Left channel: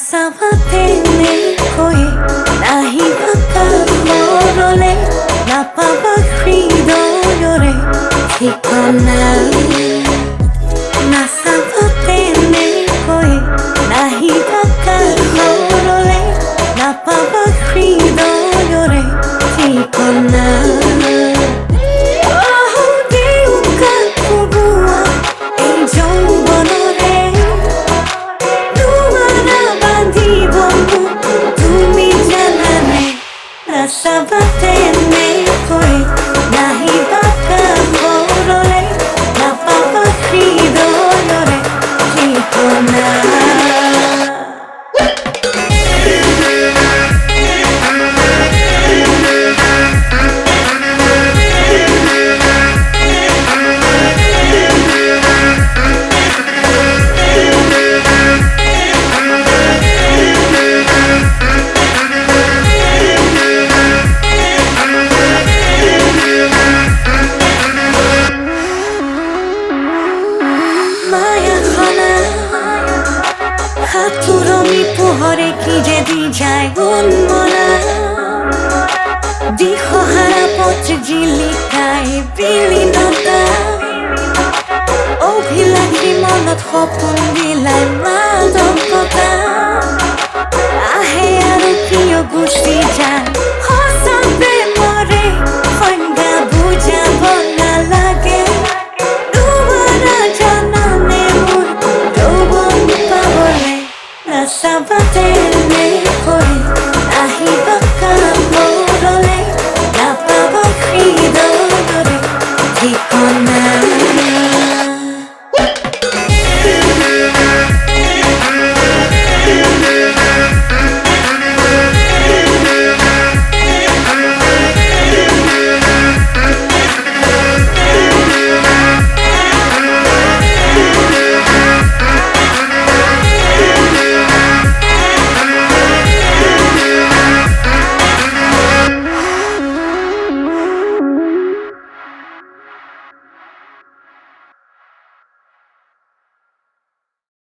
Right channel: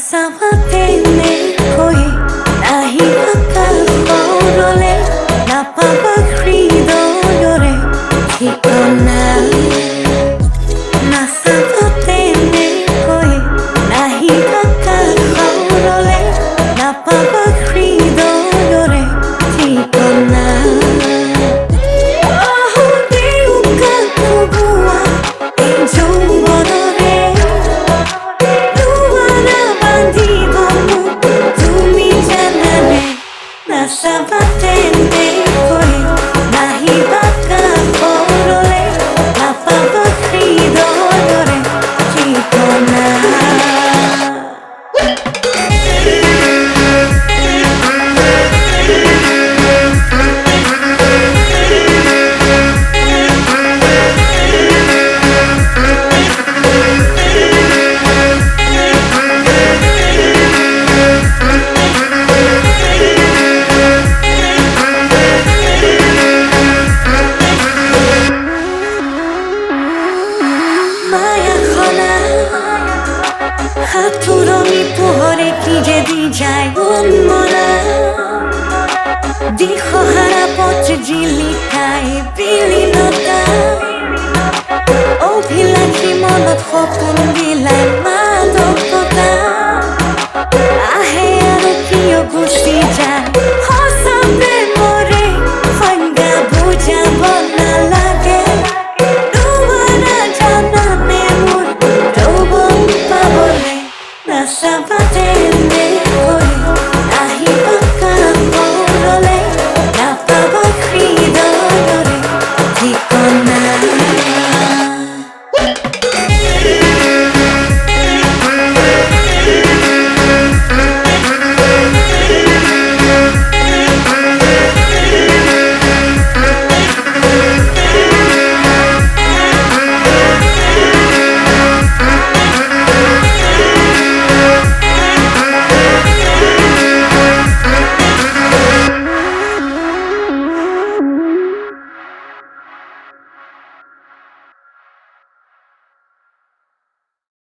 নাচাবাতেনে কৈ নাহিবা কাষৰলে নাপাবা হৃদয়ৰে ঠিকনা নাচাবাতেনে কৈ নাহিবা কাষৰলে নাপাবা হৃদয়ৰে ঠিকনা নাচাবাতেনে কৈ নাহিবা কাষৰলে নাপাবা হৃদয়ৰে ঠিকনা মায়াখনা হাতুৰণি পোহৰে কি যে দি যায় উন্মনা দিশহাৰা পথ জিলিকাই বিলীনতা অভিলাষী মনত সপোন বিলাই মাদকতা আহে আৰু কিয় গুচি যায়